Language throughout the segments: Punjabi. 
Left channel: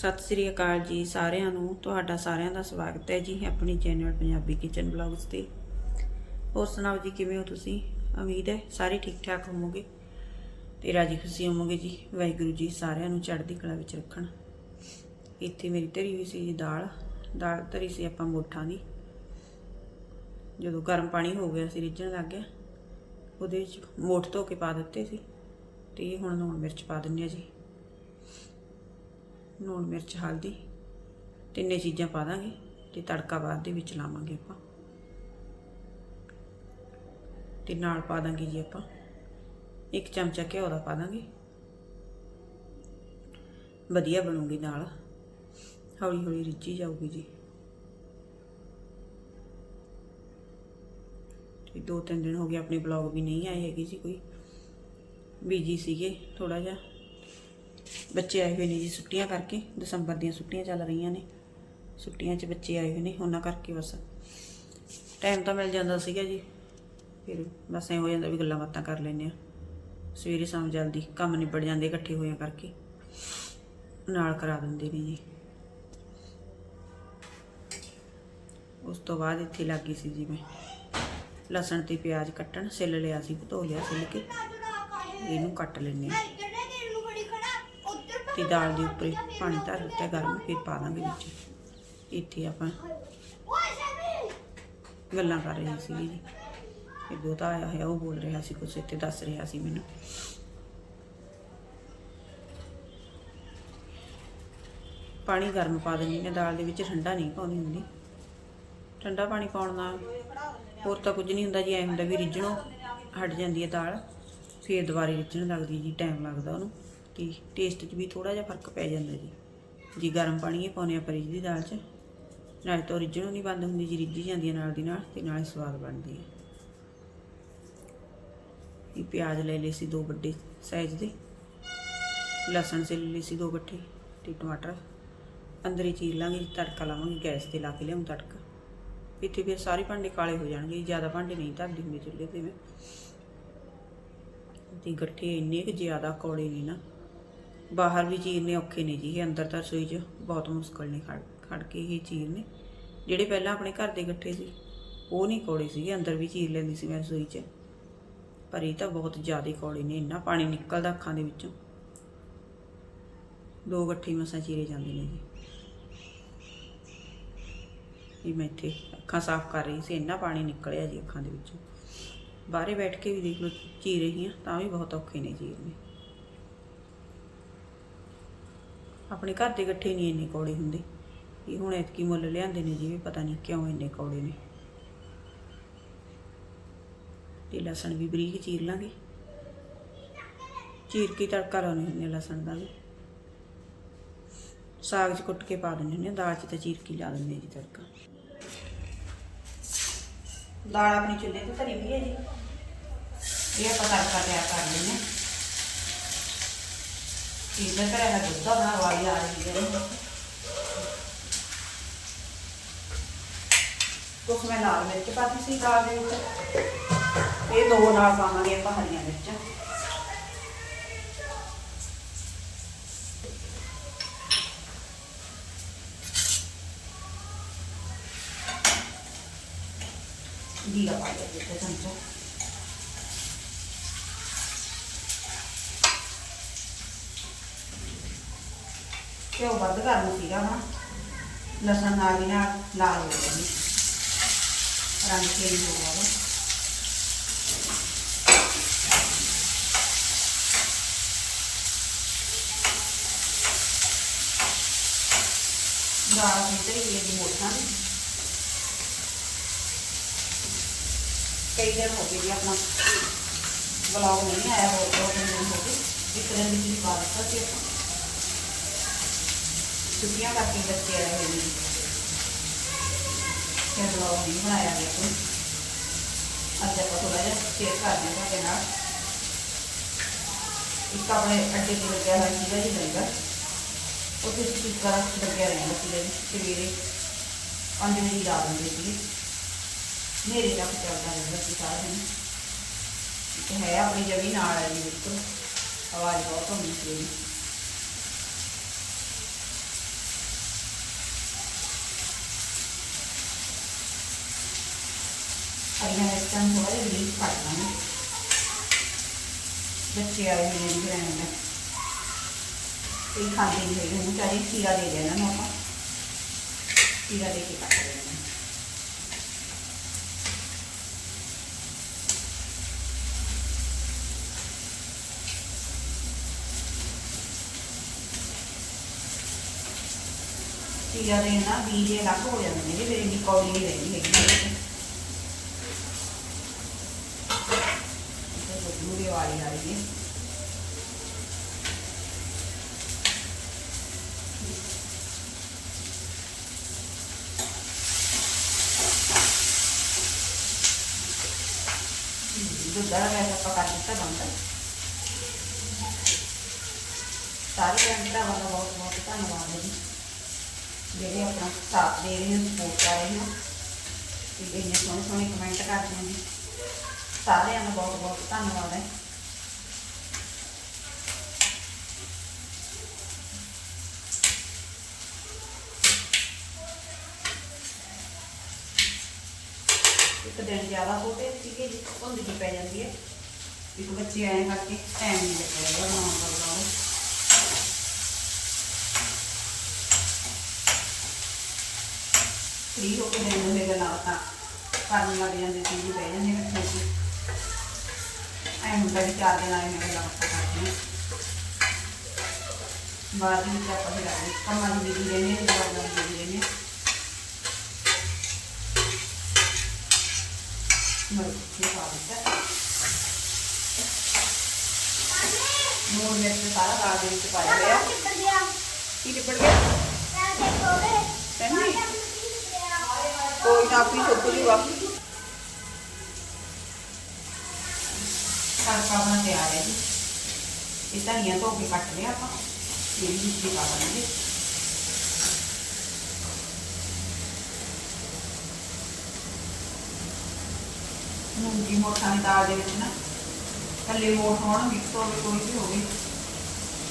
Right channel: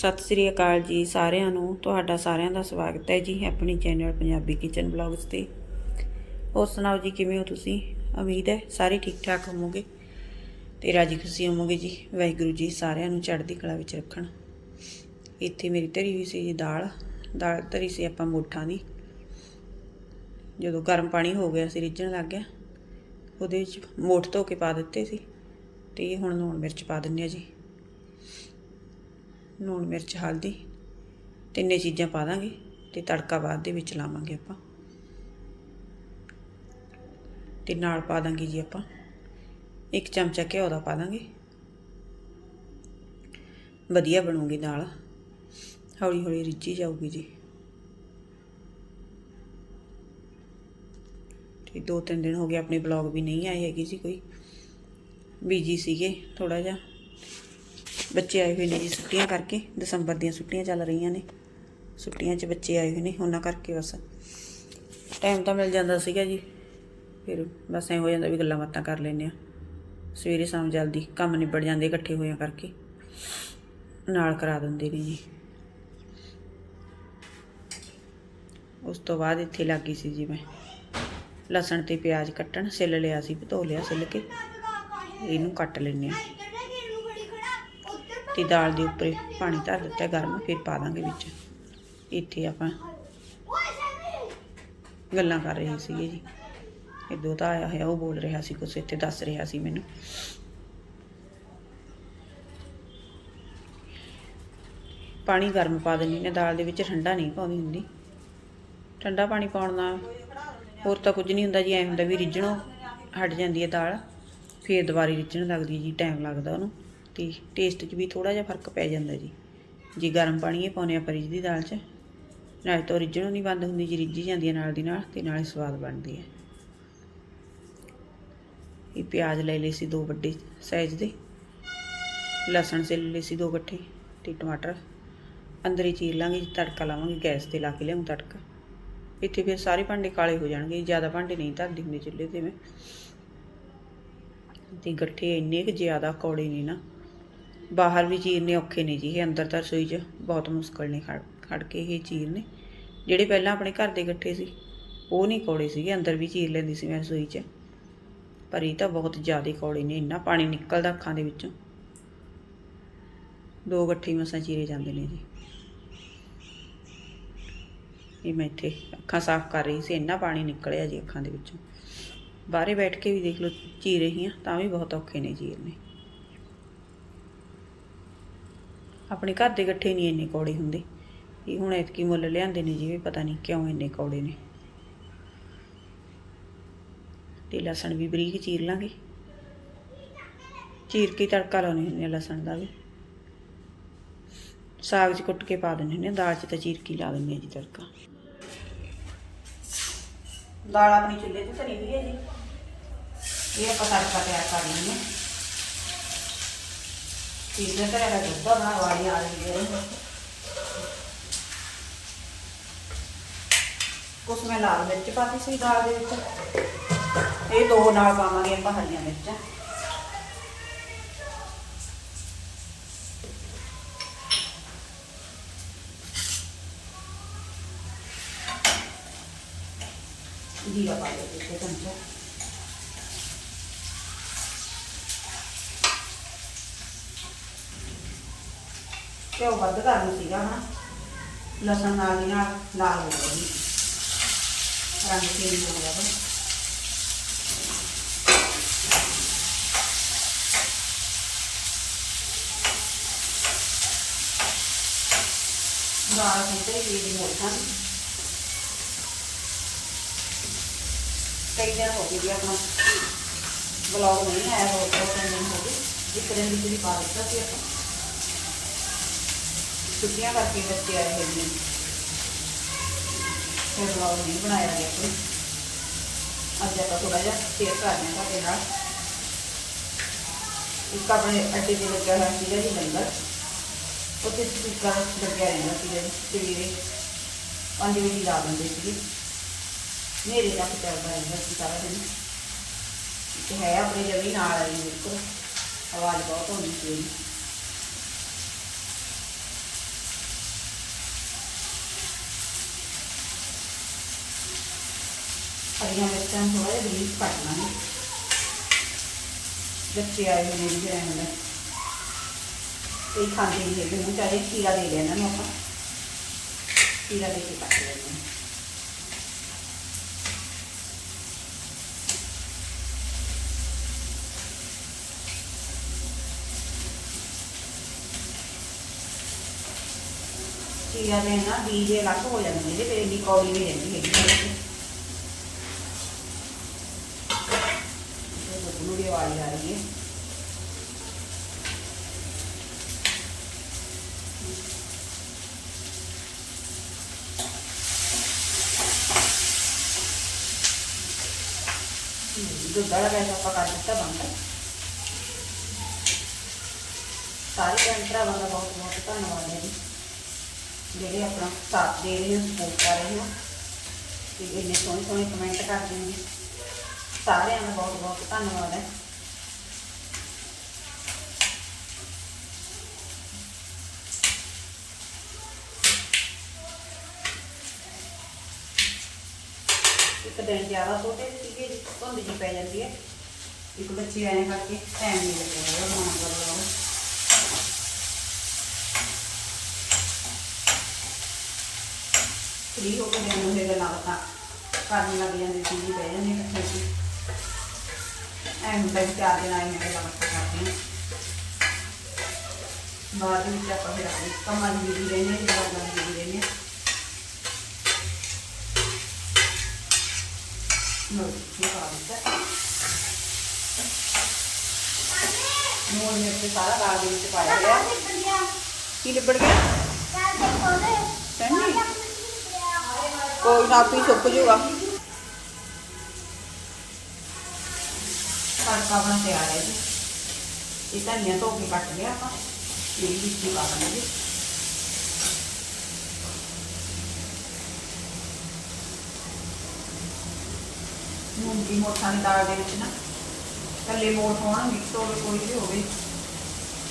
ਸਤਿ ਸ੍ਰੀ ਅਕਾਲ ਜੀ ਸਾਰਿਆਂ ਨੂੰ। ਤੁਹਾਡਾ ਸਾਰਿਆਂ ਦਾ ਸਵਾਗਤ ਹੈ ਜੀ ਆਪਣੀ ਚੈਨਲ ਪੰਜਾਬੀ ਕਿਚਨ ਬਲੌਗਸ ਤੇ। ਹੋਰ ਸੁਣਾਓ ਜੀ, ਕਿਵੇਂ ਹੋ ਤੁਸੀਂ? ਉਮੀਦ ਹੈ ਸਾਰੇ ਠੀਕ ਠਾਕ ਹੋਵੋਗੇ। ਤੇ ਰਾਜੀ ਖੁਸ਼ੀ ਹੋਵੋਗੇ ਜੀ। ਵਾਹਿਗੁਰੂ ਜੀ ਸਾਰਿਆਂ ਨੂੰ ਚੜ੍ਹਦੀ ਕਲਾ ਵਿੱਚ ਰੱਖਣ। ਇੱਥੇ ਮੇਰੀ ਧਰੀ ਹੋਈ ਸੀ ਜੀ ਦਾਲ। ਦਾਲ ਧਰੀ ਸੀ ਆਪਾਂ ਮੋਠਾਂ ਦੀ। ਜਦੋਂ ਗਰਮ ਪਾਣੀ ਹੋ ਗਿਆ ਸੀ ਰਿੱਝਣ ਲੱਗ ਗਿਆ ਉਹਦੇ ਵਿੱਚ ਮੋਠ ਧੋ ਕੇ ਪਾ ਦਿੱਤੇ ਸੀ। ਤੇ ਹੁਣ ਲੂਣ ਮਿਰਚ ਪਾ ਦਿੰਨੇ ਆ ਜੀ। ਲੂਣ ਮਿਰਚ, ਹਲਦੀ, ਤਿੰਨੇ ਚੀਜ਼ਾਂ ਪਾ ਦਾਂਗੇ ਤੇ ਤੜਕਾ ਬਾਅਦ ਦੇ ਵਿੱਚ ਲਾਵਾਂਗੇ ਆਪਾਂ। ਤੇ ਨਾਲ ਪਾ ਦਾਂਗੇ ਜੀ ਆਪਾਂ, ਇੱਕ ਚਮਚਾ ਘਿਓ ਦਾ ਪਾ ਦਾਂਗੇ। ਵਧੀਆ ਬਣੂਗੀ ਦਾਲ ਹੌਲੀ ਹੌਲੀ ਰਿੱਝੀ ਜਾਊਗੀ ਜੀ। ਤੇ ਦੋ ਤਿੰਨ ਦਿਨ ਹੋ ਗਏ, ਆਪਣੇ ਬਲੌਗ ਵੀ ਨਹੀਂ ਆਏ ਹੈਗੇ ਜੀ ਕੋਈ। ਬੀਜੀ ਸੀਗੇ ਥੋੜਾ ਜਿਹਾ। ਬੱਚੇ ਆਏ ਹੋਏ ਨੇ ਜੀ ਛੁੱਟੀਆਂ ਕਰਕੇ, ਦਸੰਬਰ ਦੀਆਂ ਛੁੱਟੀਆਂ ਚੱਲ ਰਹੀਆਂ ਨੇ। ਛੁੱਟੀਆਂ 'ਚ ਬੱਚੇ ਆਏ ਹੋਏ ਨੇ, ਉਹਨਾਂ ਕਰਕੇ ਬਸ। ਟਾਈਮ ਤਾਂ ਮਿਲ ਜਾਂਦਾ ਸੀਗਾ ਜੀ। ਫਿਰ ਬਸ ਐ ਹੋ ਜਾਂਦਾ ਵੀ ਗੱਲਾਂ ਬਾਤਾਂ ਕਰ ਲੈਂਦੇ ਆ ਸਵੇਰੇ ਸ਼ਾਮ ਜਲਦੀ ਕੰਮ ਨਿਬੜ ਜਾਂਦੇ ਇਕੱਠੇ ਹੋਇਆਂ ਕਰਕੇ। ਨਾਲ ਕਰਾ ਦਿੰਦੇ ਨੇ ਜੀ। ਉਸ ਤੋਂ ਬਾਅਦ ਇੱਥੇ ਲੱਗੀ ਸੀ ਜੀ ਮੈਂ। ਲਸਣ ਤੇ ਪਿਆਜ਼ ਕੱਟਣ, ਸਿੱਲ ਲਿਆ ਸੀ, ਧੋ ਲਿਆ, ਸਿੱਲ ਕੇ। ਇਹਨੂੰ ਕੱਟ ਲੈਂਦੇ ਆ ਤੇ ਦਾਲ ਦੇ ਉੱਪਰ ਪਾਣੀ ਧਰ ਦਿੱਤਾ ਗਰਮ, ਫਿਰ ਪਾ ਦਾਂਗੇ ਵਿੱਚ। ਇੱਥੇ ਆਪਾਂ ਗੱਲਾਂ ਕਰ ਰਹੇ ਸੀਗੇ ਜੀ। ਇਹ ਦੋਤਾ ਆਇਆ ਹੋਇਆ, ਉਹ ਬੋਲ ਰਿਹਾ ਸੀ, ਕੁਛ ਇੱਥੇ ਦੱਸ ਰਿਹਾ ਸੀ ਮੈਨੂੰ। ਪਾਣੀ ਗਰਮ ਪਾ ਦਿੰਦੀ ਨੇ ਦਾਲ ਦੇ ਵਿੱਚ ਠੰਡਾ ਨਹੀਂ ਪਾਉਂਦੀ ਹੁੰਦੀ। ਠੰਡਾ ਪਾਣੀ ਪਾਉਣ ਨਾਲ ਹੋਰ ਤਾਂ ਕੁਝ ਨਹੀਂ ਹੁੰਦਾ ਜੀ, ਐ ਹੁੰਦਾ ਵੀ ਰਿੱਝਣੋਂ ਹਟ ਜਾਂਦੀ ਹੈ ਦਾਲ, ਫੇਰ ਦੁਬਾਰੇ ਰਿੱਝਣ ਲੱਗਦੀ ਹੈ ਜੀ, ਟਾਈਮ ਲੱਗਦਾ ਉਹਨੂੰ। ਤੇ ਟੇਸਟ 'ਚ ਵੀ ਥੋੜਾ ਜਿਹਾ ਫ਼ਰਕ ਪੈ ਜਾਂਦਾ ਜੀ। ਜੀ ਗਰਮ ਪਾਣੀ ਇਹ ਪਾਉਂਦੇ ਆਪਾਂ ਰਿੱਝਦੀ ਦਾਲ 'ਚ ਨਾਲੇ ਤਾਂ ਰਿੱਝਣੋਂ ਨਹੀਂ ਬੰਦ ਹੁੰਦੀ ਜੀ ਰਿੱਝੀ ਜਾਂਦੀ ਹੈ ਨਾਲ ਦੀ ਨਾਲ ਤੇ ਨਾਲੇ ਸਵਾਦ ਬਣਦੀ ਹੈ। ਇਹ ਪਿਆਜ਼ ਲੈ ਲਏ ਸੀ ਦੋ ਵੱਡੇ ਸਾਈਜ਼ ਦੇ ਲਸਣ ਛਿੱਲ ਲਏ ਸੀ ਦੋ ਇਕੱਠੇ ਤੇ ਟਮਾਟਰ। ਅੰਦਰ ਹੀ ਚੀਰ ਲਾਂਗੇ ਜੀ, ਤੜਕਾ ਲਾਵਾਂਗੇ ਗੈਸ ਤੇ ਲਾ ਕੇ ਲਿਆਉਂ ਤੜਕਾ। ਇੱਥੇ ਫਿਰ ਸਾਰੇ ਭਾਂਡੇ ਕਾਲੇ ਹੋ ਜਾਣਗੇ ਜ਼ਿਆਦਾ ਭਾਂਡੇ ਨਹੀਂ ਧਰਦੀ ਹੁੰਦੀ ਚੁੱਲ੍ਹੇ ਤੇ ਮੈਂ। ਤੇ ਗੱਠੇ ਇੰਨੇ ਕੁ ਜ਼ਿਆਦਾ ਕੌੜੇ ਨੇ ਨਾ। ਬਾਹਰ ਵੀ ਚੀਰਨੇ ਔਖੇ ਨੇ ਜੀ, ਇਹ ਅੰਦਰ ਤਾਂ ਰਸੋਈ 'ਚ ਬਹੁਤ ਮੁਸ਼ਕਲ ਨੇ, ਖੜ ਖੜ ਕੇ ਇਹ ਚੀਰਨੇ ਜਿਹੜੇ ਪਹਿਲਾਂ ਆਪਣੇ ਘਰ ਦੇ ਗੱਠੇ ਸੀ, ਉਹ ਨਹੀਂ ਕੌੜੇ ਸੀਗੇ ਅੰਦਰ ਵੀ ਚੀਰ ਲੈਂਦੀ ਸੀ ਮੈਂ ਰਸੋਈ 'ਚ। ਪਰ ਇਹ ਤਾਂ ਬਹੁਤ ਜ਼ਿਆਦਾ ਕੌੜੇ ਨੇ, ਇੰਨਾ ਪਾਣੀ ਨਿਕਲਦਾ ਅੱਖਾਂ ਦੇ ਵਿੱਚੋਂ। ਦੋ ਗੱਠੇ ਮਸਾਂ ਚੀਰੇ ਜਾਂਦੇ ਨੇ ਜੀ। ਇਹ ਮੈਂ ਇੱਥੇ ਅੱਖਾਂ ਸਾਫ਼ ਕਰ ਰਹੀ ਸੀ, ਇੰਨਾ ਪਾਣੀ ਨਿਕਲਿਆ ਜੀ ਅੱਖਾਂ ਦੇ ਵਿੱਚੋਂ। ਬਾਹਰੇ ਬੈਠ ਕੇ ਵੀ ਦੇਖ ਲਓ, ਚੀਰ ਰਹੀ ਹਾਂ ਤਾਂ ਵੀ ਬਹੁਤ ਔਖੇ ਨੇ ਚੀਰਨੇ ਆਪਣੇ ਘਰ ਦੇ ਗੱਠੇ ਨਹੀਂ ਇੰਨੇ ਕੌੜੇ ਹੁੰਦੇ। ਇਹ ਹੁਣ ਇਤਕੀ ਮੁੱਲ ਲਿਆਂਦੇ ਨੇ ਜਿਵੇਂ ਪਤਾ ਨਹੀਂ ਕਿਉਂ ਇੰਨੇ ਕੌੜੇ ਨੇ। ਤੇ ਲਸਣ ਵੀ ਬਰੀਕ ਚੀਰ ਲਾਂਗੇ। ਚੀਰ ਕੇ ਤੜਕਾ ਲਾਉਣੇ ਹੁੰਦੇ ਲਸਣ ਦਾ ਵੀ। ਸਾਗ 'ਚ ਕੁੱਟ ਕੇ ਪਾ ਦਿੰਦੇ ਨੇ ਦਾਲ 'ਚ ਤਾਂ ਚੀਰ ਕੇ ਲਾ ਦਿੰਦੇ ਆ ਜੀ ਤੜਕਾ। ਦਾਲ ਆਪਣੀ ਚੁੱਲ੍ਹੇ ਤੇ ਧਰੀ ਹੋਈ ਹੈ ਜੀ। ਇਹ ਆਪਾਂ ਤੜਕਾ ਤਿਆਰ ਕਰ ਲੈਂਦੇ ਹਾਂ ਚੀਜ਼ਾਂ ਤੇ ਰਹਾ ਦੁੱਧ ਦਾ ਬਣਾ ਵਾਲੀ ਆ ਰਹੀ ਹੈ ਕੁਛ ਮੈਂ ਲਾਲ ਮਿਰਚ ਪਾ ਦਿੱਤੀ ਸੀ ਦਾਲ ਦੇ ਵਿੱਚ ਤੇ ਦੋ ਨਾਲ ਪਾਵਾਂਗੇ ਆਪਾਂ ਹਰੀਆਂ ਮਿਰਚਾਂ ਜੀਰਾ ਪਾ ਦਿਓ ਇੱਕ ਚਮਚਾ ਘਿਓ ਵੱਧ ਕਰਨਾ ਸੀਗਾ, ਹਨਾ। ਲਸਣ ਨਾਲ ਹੀ ਨਾਲ ਲਾਲ ਹੋ ਗਿਆ ਰੰਗ ਚੇਂਜ ਹੋ ਗਿਆ ਵਾ। ਦਾਲ ਕਿਤੇ ਇਹ ਦੀ ਮੋਟਾ ਕਈ ਦਿਨ ਹੋ ਗਏ ਜੀ ਆਪਣਾ ਵਲੌਗ ਨਹੀਂ ਆਇਆ, ਹੋਰ ਦੋ ਤਿੰਨ ਦਿਨ ਹੋ ਗਏ। ਇੱਕ ਦਿਨ ਵਿੱਚ ਵੀ ਪਾ ਦਿੱਤਾ ਸੀ ਆਪਾਂ। ਛੁੱਟੀਆਂ ਕਰਕੇ ਬੱਚੇ ਆਏ ਹੋਏ ਨੇ ਫਿਰ ਵਲੌਗ ਨਹੀਂ ਬਣਾਇਆ ਗਿਆ ਕੋਈ ਅੱਜ ਆਪਾਂ ਥੋੜਾ ਜਿਹਾ ਸ਼ੇਅਰ ਕਰਦੇ ਹਾਂ ਤੁਹਾਡੇ ਨਾਲ ਇੱਕ ਆਪਣੇ ਅੱਡੇ ਤੇ ਲੱਗਿਆ ਹੋਇਆ ਸੀਗਾ ਜੀ ਲੰਗਰ ਉੱਥੇ ਸਪੀਕਰ ਲੱਗਿਆ ਰਹਿੰਦਾ ਸੀਗਾ ਜੀ ਸਵੇਰੇ ਪੰਜ ਵਜੇ ਲਾ ਦਿੰਦੇ ਸੀਗੇ ਮੇਰੇ ਤੱਕ ਚੱਲਦਾ ਰਹਿੰਦਾ ਸੀ ਸਾਰਾ ਦਿਨ ਇੱਕ ਹੈ ਆਪਣੀ ਜਗ੍ਹਾ ਨਾਲ ਆਈ ਬਿਲਕੁਲ ਆਵਾਜ਼ ਬਹੁਤ ਹੁੰਦੀ ਸੀ ਉਹਦੀ ਬਰੀਕ ਕੱਟ ਲਾਂਗੇ ਬੱਚੇ ਆਏ ਹੋਏ ਨੇ ਜਿਹੜੇ ਨੇ ਇਹ ਖਾਂਦੇ ਨਹੀਂ ਹੈਗੇ ਉਹਨੂੰ ਚਾਹੇ ਖੀਰਾ ਦੇ ਦੇਣਾ ਨੂੰ ਆਪਾਂ ਖੀਰਾ ਦੇ ਕੇ ਕੱਟ ਲੈਂਦੇ ਖੀਰਾ ਦੇ ਨਾ ਬੀਜ ਅਲੱਗ ਹੋ ਜਾਂਦੇ ਨੇ, ਫਿਰ ਇੰਨੀ ਨਹੀਂ ਰਹਿੰਦੀ ਹੈਗੀ ਇਹਦੇ 'ਚ। ਇਹ ਤਾਂ ਮੂੜੀ ਵਾਲੀ ਆ ਰਹੀ ਹੈ। ਦੁੱਧ ਦਾ ਵੈਸੇ ਆਪਾਂ ਕਰ ਦਿੱਤਾ ਬੰਦ। ਸਾਰੇ ਭੈਣ ਭਰਾਵਾਂ ਦਾ ਬਹੁਤ ਬਹੁਤ ਧੰਨਵਾਦ ਹੈ ਜਿਹੜੇ ਆਪਣਾ ਸਾਥ ਦੇ ਰਹੇ ਨੇ ਸਪੋਰਟ ਕਰ ਰਹੇ ਨੇ। ਤੇ ਇੰਨੇ ਸੋਹਣੇ ਸੋਹਣੇ ਕਮੈਂਟ ਕਰਦੇ ਨੇ। ਸਾਰਿਆਂ ਨੂੰ ਬਹੁਤ ਬਹੁਤ ਧੰਨਵਾਦ ਹੈ। ਇੱਕ ਦਿਨ ਜ਼ਿਆਦਾ ਛੋਟੇ ਸੀਗੇ ਜੀ, ਧੁੰਦ ਜੀ ਪੈ ਜਾਂਦੀ ਹੈ। ਇੱਕ ਬੱਚੇ ਆਏ ਕਰਕੇ ਟਾਈਮ ਨਹੀਂ ਲੱਗਦਾ ਹੈਗਾ ਬਣਾਉਣ ਵਾਲਾ ਫ੍ਰੀ ਹੋ ਕੇ ਦਿਨ ਹੁੰਦੇ ਗੱਲਾਂ ਬਾਤਾਂ ਕਰਨ ਲੱਗ ਜਾਂਦੇ ਸੀ ਜੀ, ਬਹਿ ਜਾਂਦੇ ਇਕੱਠੇ ਸੀ ਐ ਹੁੰਦਾ ਵੀ ਚਾਰ ਦਿਨ ਆਏ ਮੈਂ ਗੱਲਾਂ ਬਾਤਾਂ ਕਰਦੀ ਹਾਂ ਬਾਹਰ ਵੀ ਤਾਂ ਆਪਾਂ ਫਿਰ ਆਪਣੇ ਕੰਮਾਂ ਦੀ ਵੀ ਰਹਿੰਦੇ ਹਾਂ ਜਵਾਬਾਂ ਦੀ ਵੀ ਰਹਿੰਦੇ ਹਾਂ ਨੋ ਕੀ ਪਾ ਦਿੱਤਾ ਨੂਨ ਮਿਰਚ ਸਾਰਾ ਰਾਗ ਦੇ ਵਿੱਚ ਤੜਕਾ ਬਣਾ ਤਿਆਰ ਹੈ ਜੀ ਇਹ ਧਨੀਆ ਧੋ ਕੇ ਕੱਟ ਲਿਆ ਆਪਾਂ ਇਹ ਵੀ ਵਿੱਚ ਹੀ ਪਾ ਦਾਂਗੇ ਮੂੰਗ ਦੀ ਮੋਠਾਂ ਦੀ ਦਾਲ ਦੇ ਵਿੱਚ ਨਾ ਕੱਲੇ ਮੋਠ ਹੋਣ ਮਿਕਸ ਹੋਵੇ ਕੋਈ ਵੀ ਹੋਵੇ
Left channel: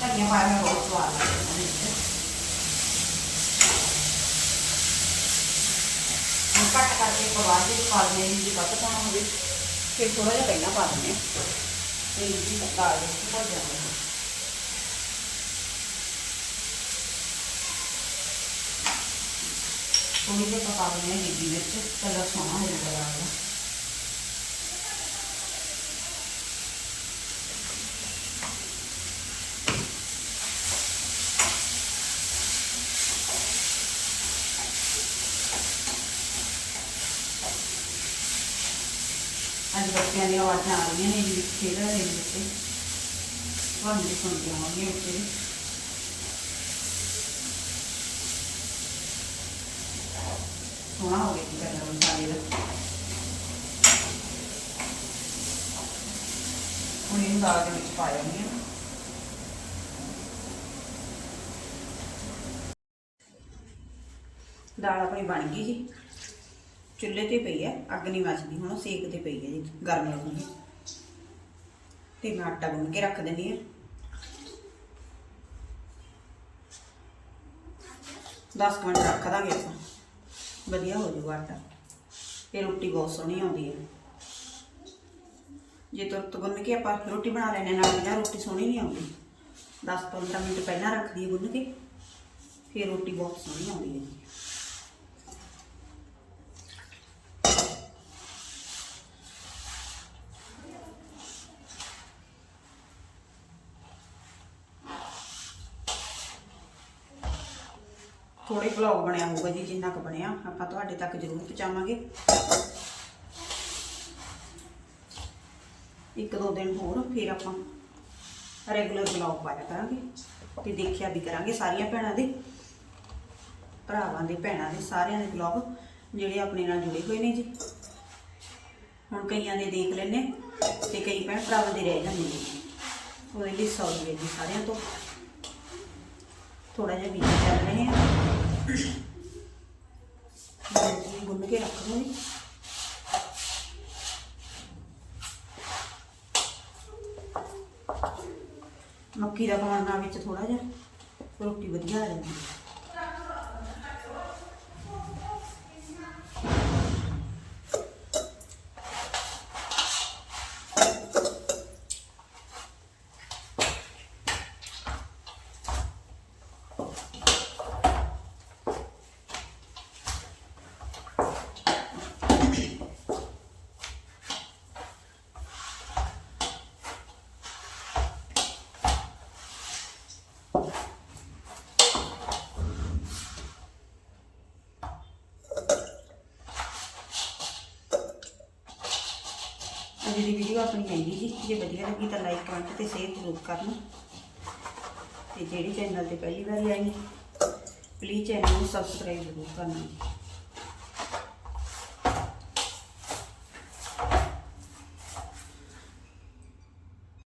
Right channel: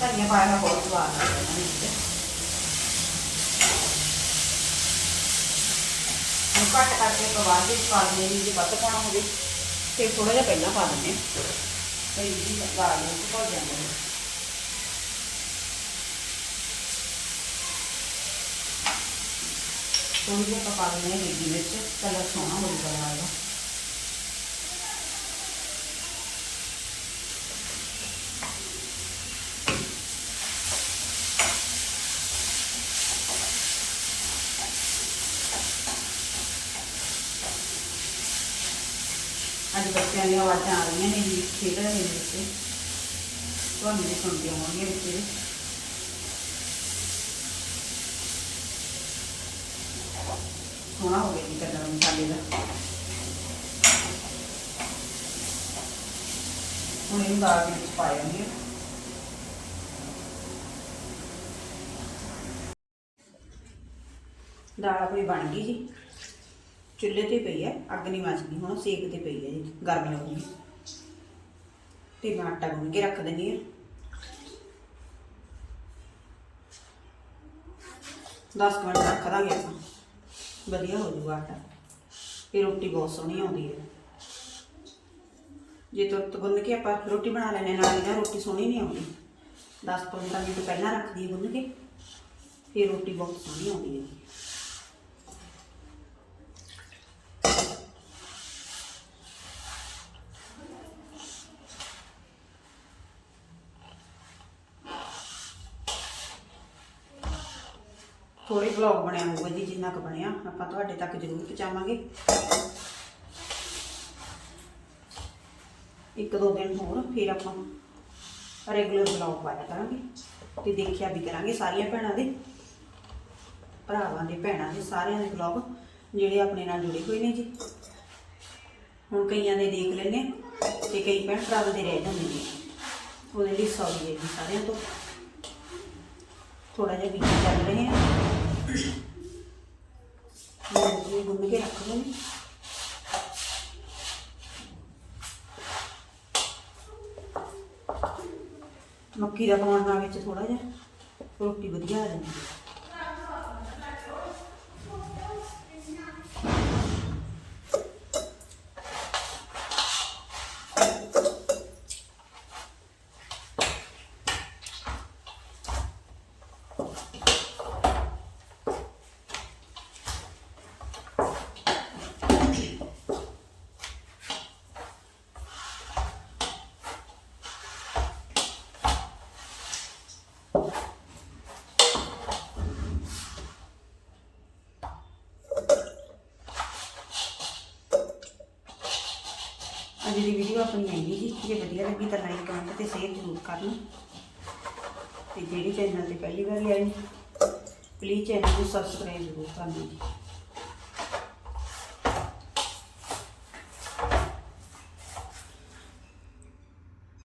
ਧਨੀਆ ਪਾਇਆ ਹੋਇਆ ਬਹੁਤ ਸਵਾਦ ਲੱਗਦਾ ਹੈ ਵਿੱਚ ਹੁਣ ਕੱਟ ਕਰਕੇ ਪਵਾ ਦੇ ਪਾ ਦਿੰਦੇ ਨੇ ਜੇ ਵੱਧ ਪਾਉਣਾ ਹੋਵੇ ਫਿਰ ਥੋੜਾ ਜਿਹਾ ਪਹਿਲਾਂ ਪਾ ਦਿੰਦੇ ਹਾਂ ਤੇ ਜੀ ਦਾਲ ਦੇ ਵਿੱਚ ਭੁੱਲ ਥੋੜੀ ਜਿਹੀ ਪਕਾ ਦਿੰਦੇ ਹਾਂ ਵਿੱਚ ਕਲਰ ਸੋਹਣਾ ਹੋ ਜਾਊਗਾ ਇਹਦਾ ਅੱਜ ਬੱਚਿਆਂ ਦੀਆਂ ਆਵਾਜ਼ਾਂ ਆ ਰਹੀਆਂ ਨੇ ਜੀ ਖੇਡ ਰਹੇ ਨੇ ਬੱਚੇ ਤੁਹਾਨੂੰ ਵੀ ਸੁਣਦੇ ਹੋਣਗੇ ਵਿੱਚ ਵੀ। ਸੋਹਣਾ ਹੋ ਗਿਆ ਜੀ ਕਲਰ ਮਸਾਲੇ ਦਾ ਹੁਣ ਇਹਨੂੰ ਦਾਲ ਦੇ ਵਿੱਚ ਪਾ ਜਾਂਦੀ ਹਾਂ ਦਾਲ ਆਪਣੀ ਬਣ ਗਈ ਜੀ ਚੁੱਲ੍ਹੇ ਤੇ ਪਈ ਹੈ, ਅੱਗ ਨਹੀਂ ਮੱਚਦੀ ਹੁਣ ਸੇਕ ਤੇ ਪਈ ਹੈ ਜੀ, ਗਰਮ ਲੱਗੂਗੀ ਤੇ ਮੈਂ ਆਟਾ ਗੁੰਨ ਕੇ ਰੱਖ ਦਿੰਦੀ ਹਾਂ। 10 ਮਿੰਟ ਰੱਖ ਦਾਂਗੇ ਆਪਾਂ। ਵਧੀਆ ਹੋ ਜਾਊਗਾ ਆਟਾ। ਤੇ ਰੋਟੀ ਬਹੁਤ ਸੋਹਣੀ ਆਉਂਦੀ ਹੈ। ਜੇ ਤੁਰਤ ਗੁੰਨ ਕੇ ਆਪਾਂ ਰੋਟੀ ਬਣਾ ਲੈਣੇ ਨਾਲ ਨਾ ਰੋਟੀ ਸੋਹਣੀ ਨਹੀਂ ਆਉਂਦੀ। 10-15 ਮਿੰਟ ਪਹਿਲਾਂ ਰੱਖ ਦਈਏ ਗੁੰਨ ਕੇ, ਫਿਰ ਰੋਟੀ ਬਹੁਤ ਸੋਹਣੀ ਆਉਂਦੀ ਹੈ। ਥੋੜੇ ਵਲੌਗ ਬਣਿਆ ਹੋਊਗਾ ਜੀ, ਜਿੰਨਾ ਕੁ ਬਣਿਆ। ਆਪਾਂ ਤੁਹਾਡੇ ਤੱਕ ਜ਼ਰੂਰ ਪਹੁੰਚਾਵਾਂਗੇ। ਇੱਕ ਦੋ ਦਿਨ ਹੋਰ, ਫਿਰ ਆਪਾਂ ਰੈਗੂਲਰ ਵਲੌਗ ਪਾਇਆ ਕਰਾਂਗੇ ਤੇ ਦੇਖਿਆ ਵੀ ਕਰਾਂਗੇ ਸਾਰੀਆਂ ਭੈਣਾਂ ਦੇ, ਭਰਾਵਾਂ ਦੇ, ਭੈਣਾਂ ਦੇ, ਸਾਰਿਆਂ ਦੇ ਵਲੌਗ ਜਿਹੜੇ ਆਪਣੇ ਨਾਲ ਜੁੜੇ ਹੋਏ ਨੇ ਜੀ। ਹੁਣ ਕਈਆਂ ਦੇ ਦੇਖ ਲੈਨੇ ਤੇ ਕਈ ਭੈਣ ਭਰਾਵਾਂ ਦੇ ਰਹਿ ਜਾਂਦੇ ਨੇ। ਉਹਦੇ ਲਈ ਸੌਰੀ ਹੈ ਜੀ ਸਾਰਿਆਂ ਤੋਂ। ਥੋੜਾ ਜਿਹਾ ਵਿੱਚ ਚੱਲ ਰਹੇ ਆ ਮੈਂ ਗੁੰਨ ਕੇ ਰੱਖ ਲਵਾਂਗੀ ਮੱਕੀ ਦਾ ਪਾਉਣ ਨਾਲ ਵਿੱਚ ਥੋੜਾ ਜਿਹਾ ਰੋਟੀ ਵਧੀਆ ਆ ਜਾਂਦੀ ਹੈ। ਅੱਜ ਦੀ ਵੀਡੀਓ ਆਪਣੀ ਆਈ ਜੀ ਜੇ ਵਧੀਆ ਲੱਗੀ ਤਾਂ ਲਾਈਕ ਕਮੈਂਟ ਤੇ ਸ਼ੇਅਰ ਜ਼ਰੂਰ ਕਰਨਾ। ਤੇ ਜਿਹੜੀ ਚੈਨਲ ਤੇ ਪਹਿਲੀ ਵਾਰੀ ਆਈ ਪਲੀਜ਼ ਚੈਨਲ ਨੂੰ ਸਬਸਕ੍ਰਾਈਬ ਜ਼ਰੂਰ ਕਰਨਾ